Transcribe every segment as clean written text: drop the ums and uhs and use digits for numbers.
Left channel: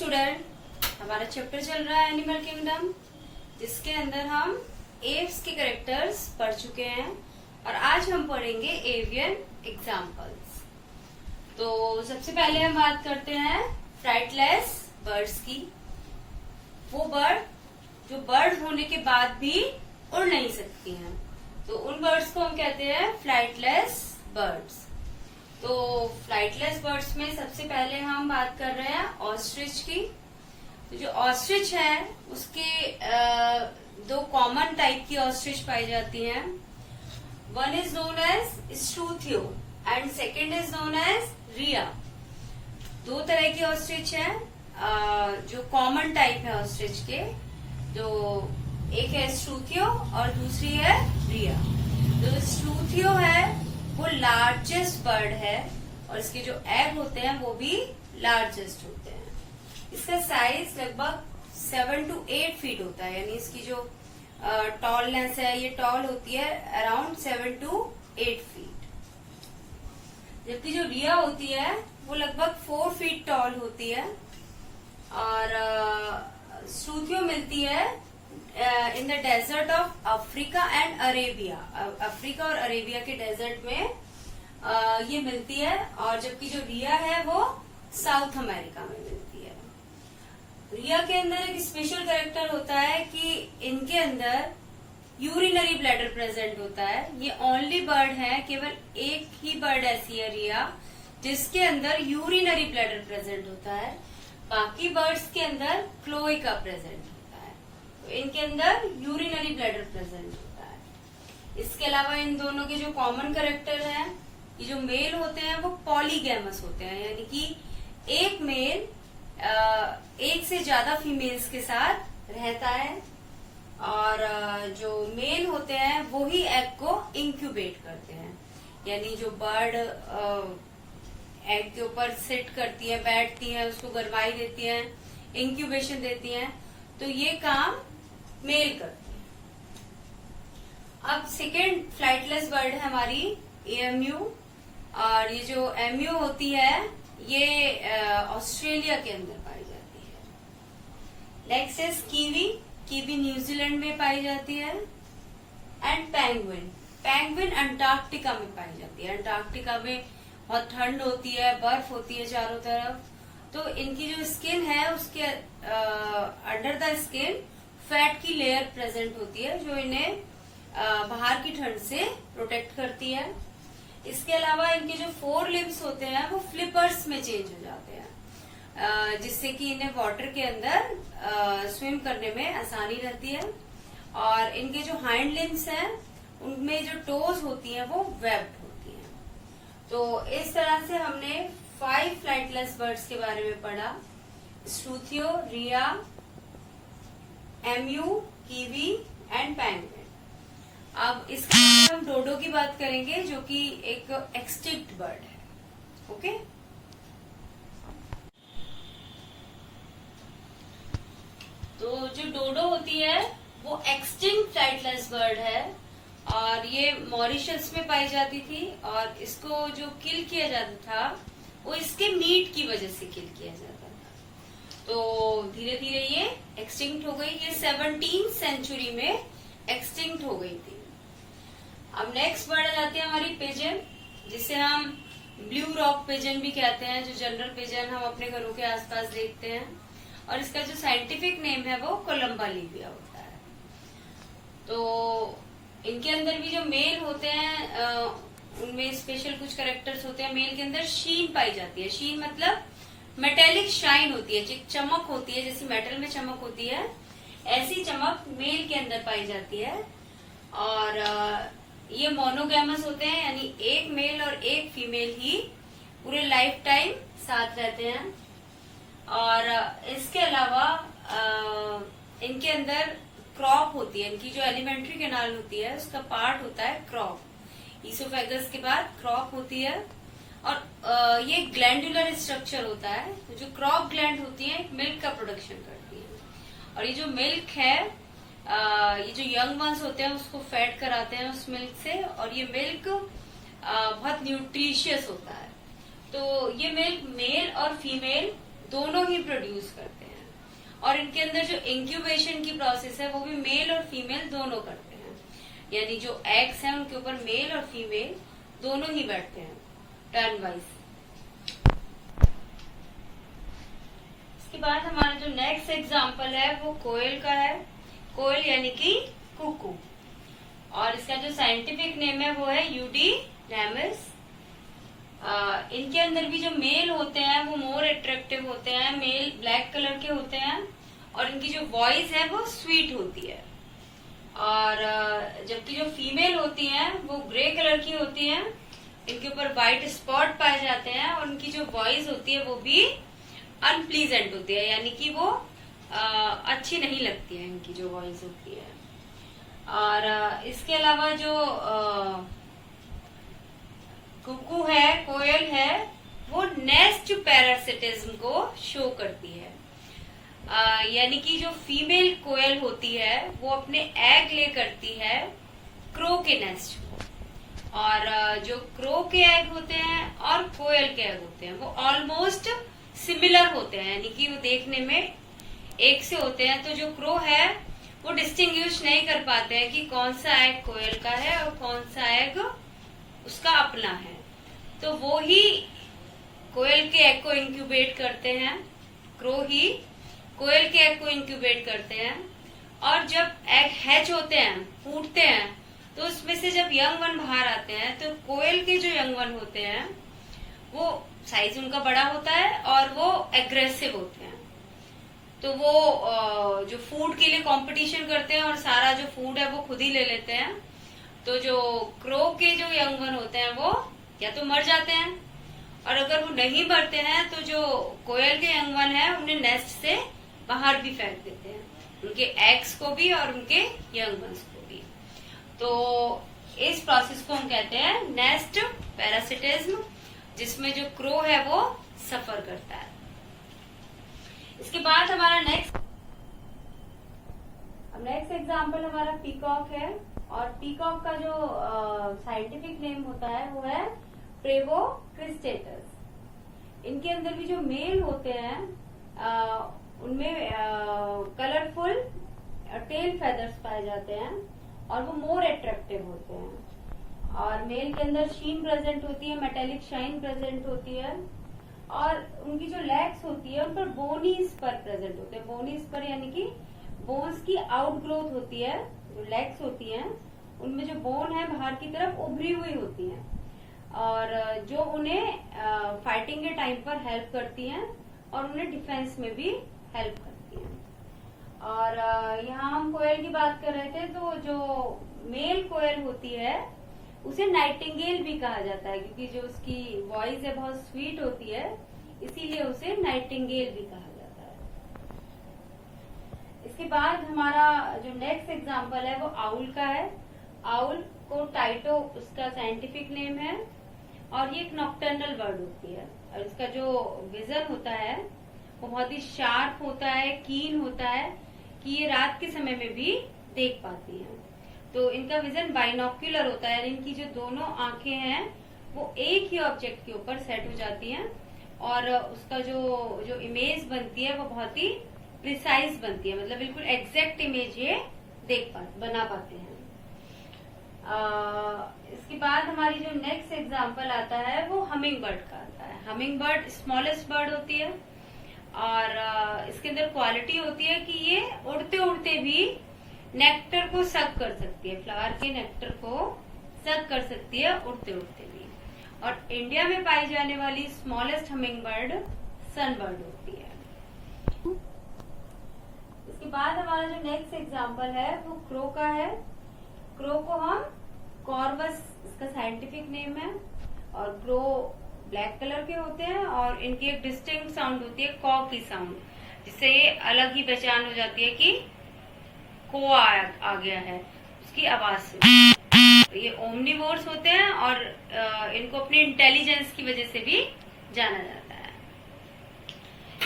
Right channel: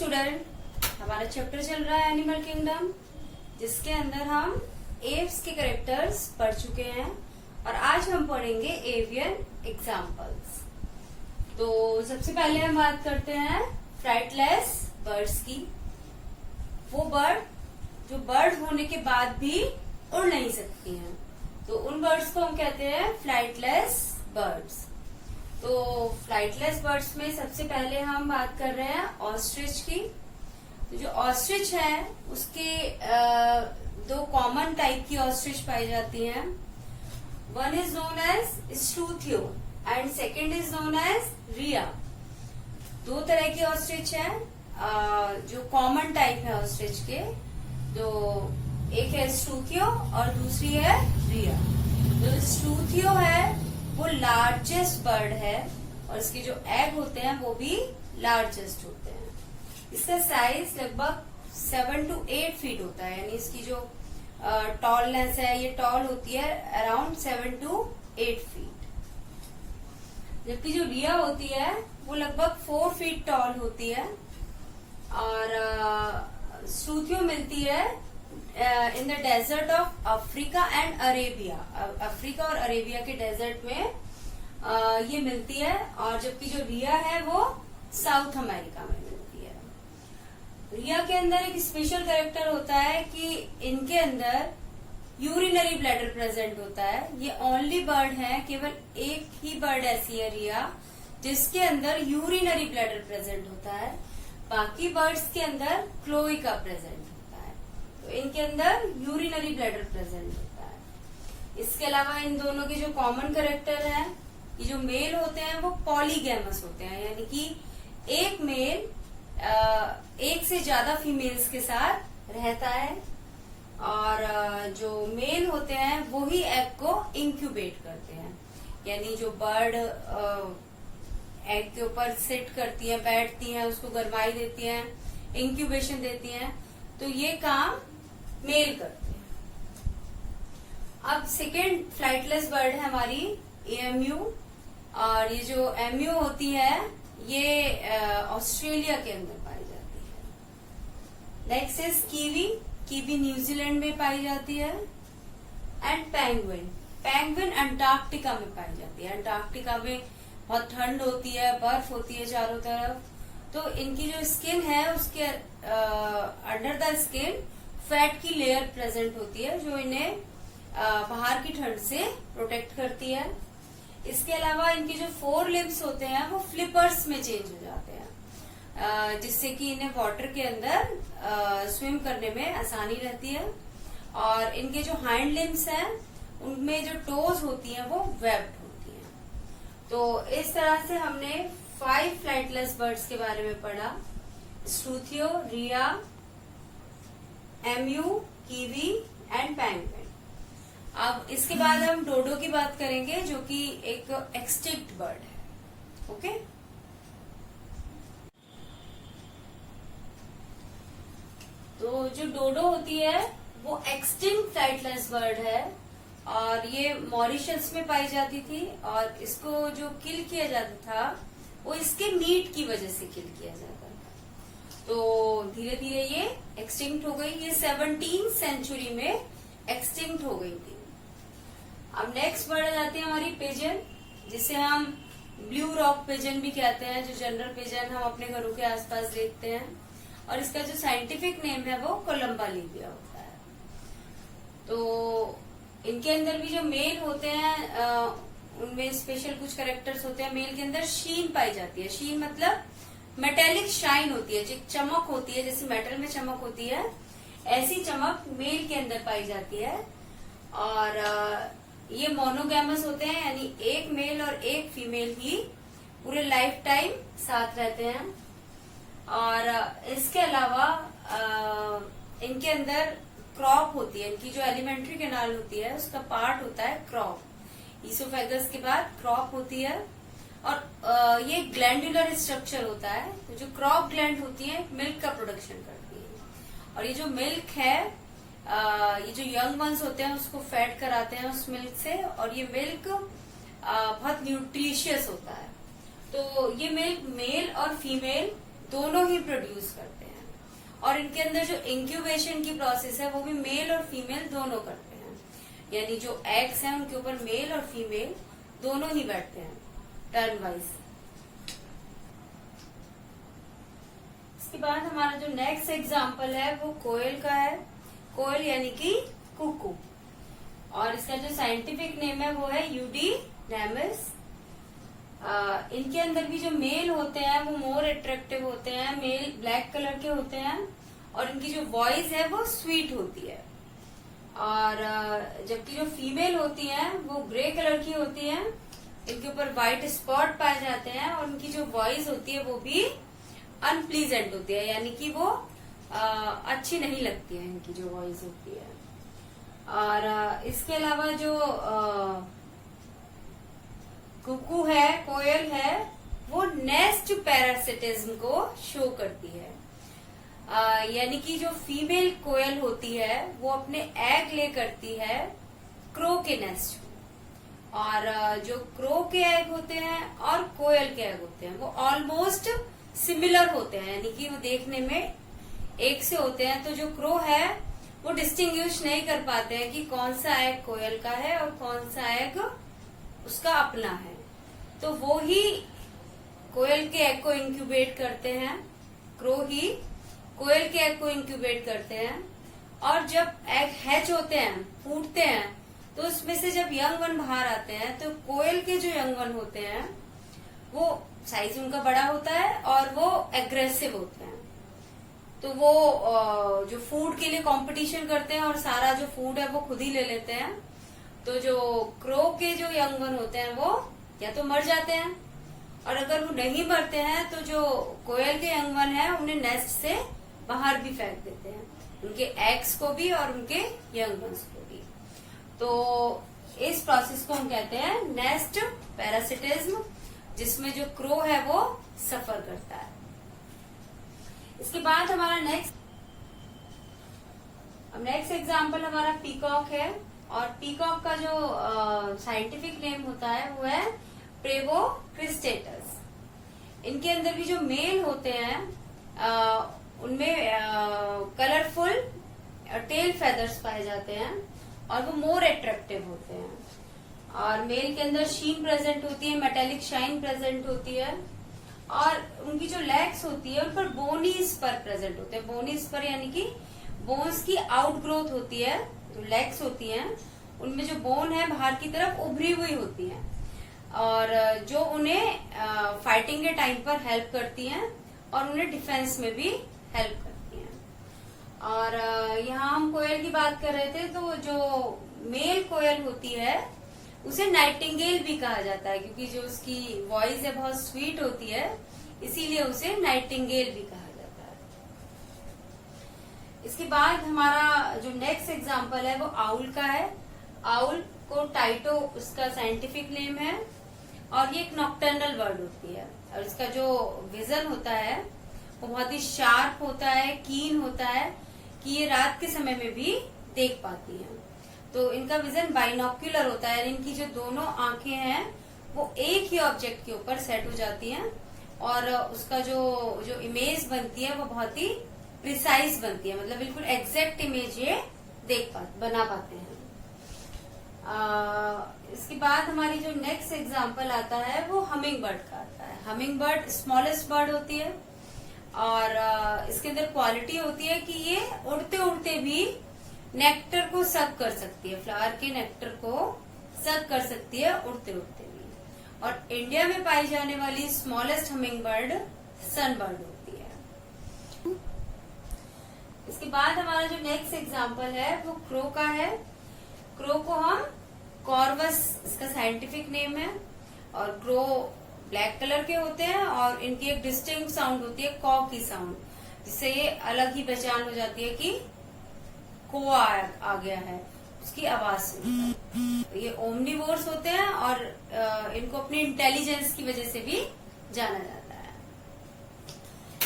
Student, हमारा chapter चल रहा है एनिमल किंगडम, जिसके अंदर हम एव्स के कैरेक्टर्स पढ़ चुके हैं और आज हम पढ़ेंगे एवियन एग्जाम्पल्स। तो सबसे पहले हम बात करते हैं फ्लाइटलेस बर्ड्स की। वो बर्ड जो बर्ड होने के बाद भी उड़ नहीं सकती हैं, तो उन बर्ड्स को हम कहते हैं फ्लाइटलेस बर्ड्स। तो फ्लाइटलेस बर्ड्स में सबसे पहले हम बात कर रहे हैं ऑस्ट्रिच की। तो जो ऑस्ट्रिच है उसके दो कॉमन टाइप की ऑस्ट्रिच पाई जाती हैं। One is known as Struthio and second is known as rhea. दो तरह की ऑस्ट्रिच है जो कॉमन टाइप है ऑस्ट्रिच के। जो एक है स्टूथियो और दूसरी है रिया। जो स्टूथियो है वो लार्जेस्ट बर्ड है और इसके जो एग होते हैं वो भी लार्जेस्ट होते हैं। इसका साइज लगभग 7 to 8 फीट होता है, यानी इसकी जो टॉलनेस है ये टॉल होती है अराउंड 7 to 8 फीट। जबकि जो रिया होती है वो लगभग 4 फीट टॉल होती है और स्टूथियो मिलती है in the desert of Africa and Arabia. Africa और अरेबिया के डेजर्ट में ये मिलती है, और जबकि जो रिया है वो साउथ अमेरिका में मिलती है। रिया के अंदर एक स्पेशल कैरेक्टर होता है कि इनके अंदर यूरिनरी ब्लैडर प्रेजेंट होता है। ये ओनली बर्ड है, केवल एक ही बर्ड ऐसी है रिया जिसके अंदर यूरिनरी ब्लैडर प्रेजेंट होता है। बाकी बर्ड्स के अंदर क्लोएका प्रेजेंट होता है, तो इनके अंदर यूरिनरी ब्लैडर प्रेजेंट होता है। इसके अलावा इन दोनों के जो कॉमन कैरेक्टर हैं, ये जो मेल होते हैं वो पॉलीगैमस होते हैं, यानी कि एक मेल एक से ज्यादा फीमेल्स के साथ रहता है, और जो मेल होते हैं वो ही एग को इंक्यूबेट करते हैं। यानी जो बर्ड एग के ऊपर सिट करती है, बैठती हैं, उसको गर्माई देती हैं, इंक्यूबेशन देती हैं, तो ये काम मेल करते हैं। अब सेकेंड फ्लाइटलेस बर्ड है हमारी एमयू, और ये जो एमयू होती है ये ऑस्ट्रेलिया के अंदर पाई जाती है। Next is kiwi. Kiwi New Zealand में पाई जाती है। And penguin. पेंगुइन अंटार्कटिका में पाई जाती है। अंटार्कटिका में बहुत ठंड होती है, बर्फ होती है चारों तरफ, तो इनकी जो स्किन है उसके अंडर द स्किन फैट की लेयर प्रेजेंट होती है जो इन्हें बाहर की ठंड से प्रोटेक्ट करती है। इसके अलावा इनके जो 4 लिम्स होते हैं वो फ्लिपर्स में चेंज हो जाते हैं, जिससे कि इन्हें वाटर के अंदर स्विम करने में आसानी रहती है। और इनके जो हाइंड लिम्स हैं उनमें जो टोज होती हैं वो वेब्ड होती हैं। तो इस तरह से हमने 5 फ्लाइटलेस बर्ड्स के बारे में पढ़ा: स्टूथियो, रिया, एमयू, कीवी एंड पेंगुइन। अब इसके बाद हम डोडो की बात करेंगे, जो कि एक एक्सटिंक्ट बर्ड है। ओके, तो जो डोडो होती है वो एक्सटिंक्ट फ्लाइटलेस बर्ड है और ये मॉरिशस में पाई जाती थी, और इसको जो किल किया जाता था वो इसके मीट की वजह से किल किया जाता था। तो धीरे धीरे ये एक्सटिंक्ट हो गई। ये 17th सेंचुरी में एक्सटिंक्ट हो गई थी। अब नेक्स्ट बर्ड आ जाती है हमारी पिजन, जिसे हम ब्लू रॉक पिजन भी कहते हैं, जो जनरल पिजन हम अपने घरों के आसपास देखते हैं, और इसका जो साइंटिफिक नेम है वो कोलंबा लिबिया होता है। तो इनके अंदर भी जो मेल होते हैं उनमें स्पेशल कुछ कैरेक्टर्स होते हैं। मेल के अंदर शीन पाई जाती है। शीन मतलब मेटेलिक शाइन होती है, चमक होती है, जैसे मेटल में चमक होती है ऐसी चमक मेल के अंदर पाई जाती है। और ये मोनोगैमस होते हैं, यानी एक मेल और एक फीमेल ही पूरे लाइफ टाइम साथ रहते हैं। और इसके अलावा इनके अंदर क्रॉप होती है। इनकी जो एलिमेंट्री कैनाल होती है उसका पार्ट होता है क्रॉप। ईसोफेगस के बाद क्रॉप होती है, और ये ग्लैंडुलर स्ट्रक्चर होता है। तो जो क्रॉप ग्लैंड होती है मिल्क का प्रोडक्शन करती है, और ये जो मिल्क है ये जो यंग वंस होते हैं उसको फैट कराते हैं उस मिल्क से, और ये मिल्क बहुत न्यूट्रिशियस होता है। तो ये मिल्क मेल और फीमेल दोनों ही प्रोड्यूस करते हैं। और इनके अंदर जो इंक्यूबेशन की प्रोसेस है वो भी मेल और फीमेल दोनों करते हैं, यानी जो एग्स हैं उनके ऊपर मेल और फीमेल दोनों ही बैठते हैं टर्न वाइज। इसके बाद हमारा जो नेक्स्ट एग्जाम्पल है वो कोयल का है। कोयल यानी कि कुकू, और इसका जो साइंटिफिक नेम है वो है यूडीनेमिस। इनके अंदर भी जो मेल होते हैं वो मोर अट्रैक्टिव होते हैं, मेल ब्लैक कलर के होते हैं, और इनकी जो वॉइस है वो स्वीट होती है। और जबकि जो फीमेल होती हैं वो ग्रे कलर की होती हैं, इनके ऊपर व्हाइट स्पॉट पाए जाते हैं, और उनकी जो वॉइस होती है वो भी अनप्लीजेंट होती है, यानी कि वो अच्छी नहीं लगती है इनकी जो वॉइस होती है। और इसके अलावा जो कुकू है, कोयल है, वो नेस्ट पैरासिटिज्म को शो करती है। यानी कि जो फीमेल कोयल होती है वो अपने एग ले करती है क्रो के नेस्ट में, और जो क्रो के एग होते हैं और कोयल के एग होते हैं वो ऑलमोस्ट सिमिलर होते हैं, यानी कि वो देखने में एक से होते हैं। तो जो क्रो है वो डिस्टिंग्विश नहीं कर पाते हैं कि कौन सा एग कोयल का है और कौन सा एग उसका अपना है। तो वो ही कोयल के एग को इंक्यूबेट करते हैं, क्रो ही कोयल के एग को इंक्यूबेट करते हैं, और जब एग हैच होते हैं, फूटते हैं, तो उसमें से जब यंग वन बाहर आते हैं तो कोयल के जो यंग वन होते हैं वो साइज उनका बड़ा होता है और वो एग्रेसिव होते हैं। तो वो जो फूड के लिए कंपटीशन करते हैं और सारा जो फूड है वो खुद ही ले लेते हैं। तो जो क्रो के जो यंग वन होते हैं वो या तो मर जाते हैं, और अगर वो नहीं मरते हैं तो जो कोयल के यंग वन है उन्हें नेस्ट से बाहर भी फेंक देते हैं, उनके एग्स को भी और उनके यंग वंस को भी। तो इस प्रोसेस को हम कहते हैं नेस्ट पैरासिटिज्म, जिसमें जो क्रो है वो सफर करता है। इसके बाद हमारा नेक्स्ट एग्जाम्पल हमारा पीकॉक है, और पीकॉक का जो साइंटिफिक नेम होता है वो है प्रेवोक्रिस्टेटस। इनके अंदर भी जो मेल होते हैं उनमें कलरफुल टेल फेदर्स पाए जाते हैं, और वो मोर अट्रैक्टिव होते हैं। और मेल के अंदर शीन प्रेजेंट होती है, मेटेलिक शाइन प्रेजेंट होती है, और उनकी जो लेग्स होती है उन पर बोनी स्पर प्रेजेंट होते हैं। बोनी स्पर यानी कि बोन्स की आउट ग्रोथ होती है। जो लेग्स होती हैं उनमें जो बोन है बाहर की तरफ उभरी हुई होती है, और जो उन्हें फाइटिंग के टाइम पर हेल्प करती हैं और उन्हें डिफेंस में भी हेल्प करती हैं। और यहाँ हम कोयल की बात कर रहे थे, तो जो मेल कोयल होती है उसे नाइटिंगेल भी कहा जाता है, क्योंकि जो उसकी वॉइस है बहुत स्वीट होती है, इसीलिए उसे नाइटिंगेल भी कहा जाता है। इसके बाद हमारा जो नेक्स्ट एग्जाम्पल है वो आउल का है। आउल को टाइटो उसका साइंटिफिक नेम है, और ये एक नॉक्टर्नल बर्ड होती है, और इसका जो विजन होता है वो बहुत ही शार्प होता है, कीन होता है, कि ये रात के समय में भी देख पाती है। तो इनका विजन बाइनोक्यूलर होता है, यानी इनकी जो दोनों आंखें हैं वो एक ही ऑब्जेक्ट के ऊपर सेट हो जाती हैं, और उसका जो इमेज बनती है वो बहुत ही प्रिसाइज बनती है, मतलब बिल्कुल एग्जैक्ट इमेज ये बना पाते हैं। इसके बाद हमारी जो नेक्स्ट एग्जाम्पल आता है वो हमिंग बर्ड का आता है। हमिंग बर्ड स्मॉलेस्ट बर्ड होती है, और इसके अंदर क्वालिटी होती है कि ये उड़ते उड़ते भी नेक्टर को सक कर सकती है, फ्लावर के नेक्टर को सक कर सकती है उड़ते उड़ते भी। और इंडिया में पाई जाने वाली स्मॉलेस्ट हमिंग बर्ड सन बर्ड होती है। इसके बाद हमारा जो नेक्स्ट एग्जाम्पल है वो क्रो का है। क्रो को हम कॉर्वस इसका साइंटिफिक नेम है, और क्रो ब्लैक कलर के होते हैं, और इनकी एक डिस्टिंक्ट साउंड होती है कॉ की साउंड, जिससे ये अलग ही पहचान हो जाती है कि को आ गया है उसकी आवाज से। ये ओमनिवोर्स होते हैं, और इनको अपनी इंटेलिजेंस की वजह से भी जाना जाता है।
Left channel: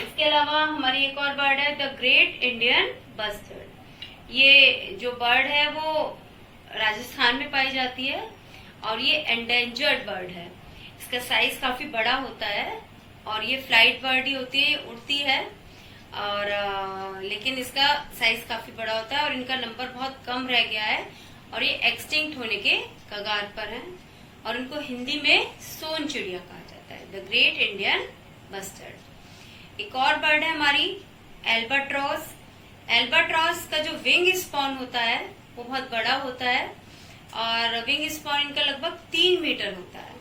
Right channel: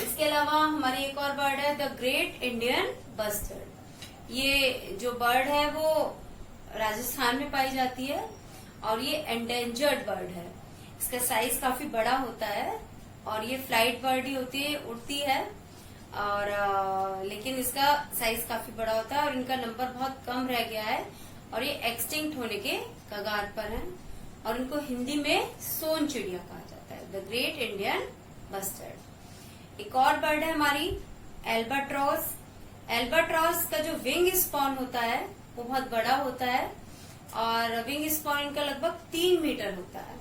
इसके अलावा हमारी एक और बर्ड है द ग्रेट इंडियन बस्टर्ड। ये जो बर्ड है वो राजस्थान में पाई जाती है, और ये एंडेंजर्ड बर्ड है। इसका साइज काफी बड़ा होता है, और ये फ्लाइट बर्ड ही होती है, उड़ती है। और लेकिन इसका साइज काफी बड़ा होता है और इनका नंबर बहुत कम रह गया है और ये एक्सटिंक्ट होने के कगार पर है। और इनको हिंदी में सोन चिड़िया कहा जाता है, द ग्रेट इंडियन बस्टर्ड। एक और बर्ड है हमारी एल्बाट्रॉस। एल्बाट्रॉस का जो विंग स्पॉन होता है वो बहुत बड़ा होता है और विंग स्पॉन इनका लगभग 3 मीटर होता है।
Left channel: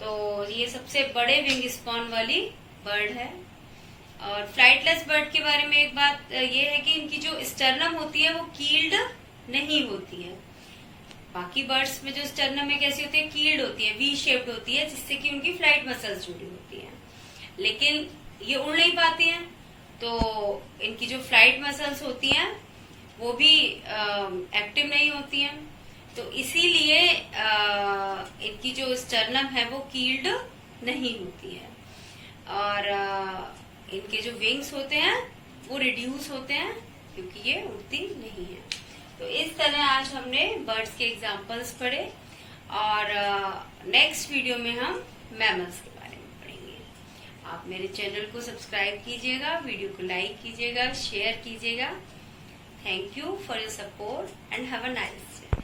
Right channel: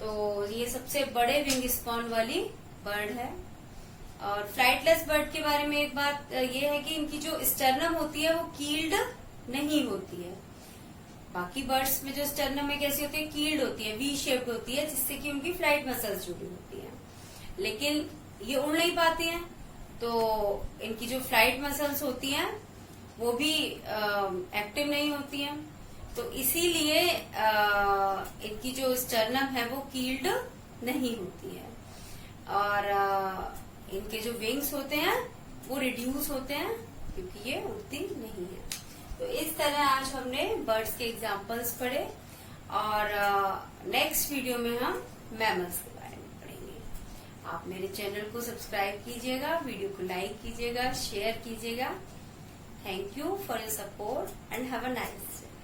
तो ये सबसे बड़े विंग स्पॉन वाली बर्ड है। और फ्लाइटलेस बर्ड के बारे में एक बात ये है कि इनकी जो स्टर्नम होती है वो कील्ड नहीं होती है। बाकी बर्ड्स में जो स्टर्नम है कैसी होती है, कील्ड होती है, वी शेप्ड होती है, जिससे कि उनकी फ्लाइट मसल्स जुड़ी होती है। लेकिन ये उड़ नहीं पाती हैं, तो इनकी जो फ्लाइट मसल्स होती हैं वो भी एक्टिव नहीं होती हैं। तो इसीलिए इनकी जो स्टर्नम है वो कील्ड नहीं होती है। और इनके जो विंग्स होते हैं वो रिड्यूस होते हैं क्योंकि ये उड़ती नहीं है। तो इस तरह आज हमने बर्ड्स के एग्जाम्पल्स पढ़े और नेक्स्ट वीडियो में हम मैमल्स के बारे में पढ़ेंगे। आप मेरे चैनल को सब्सक्राइब कीजिएगा, वीडियो को लाइक कीजिएगा, शेयर कीजिएगा। Thank you for your support and have a nice day.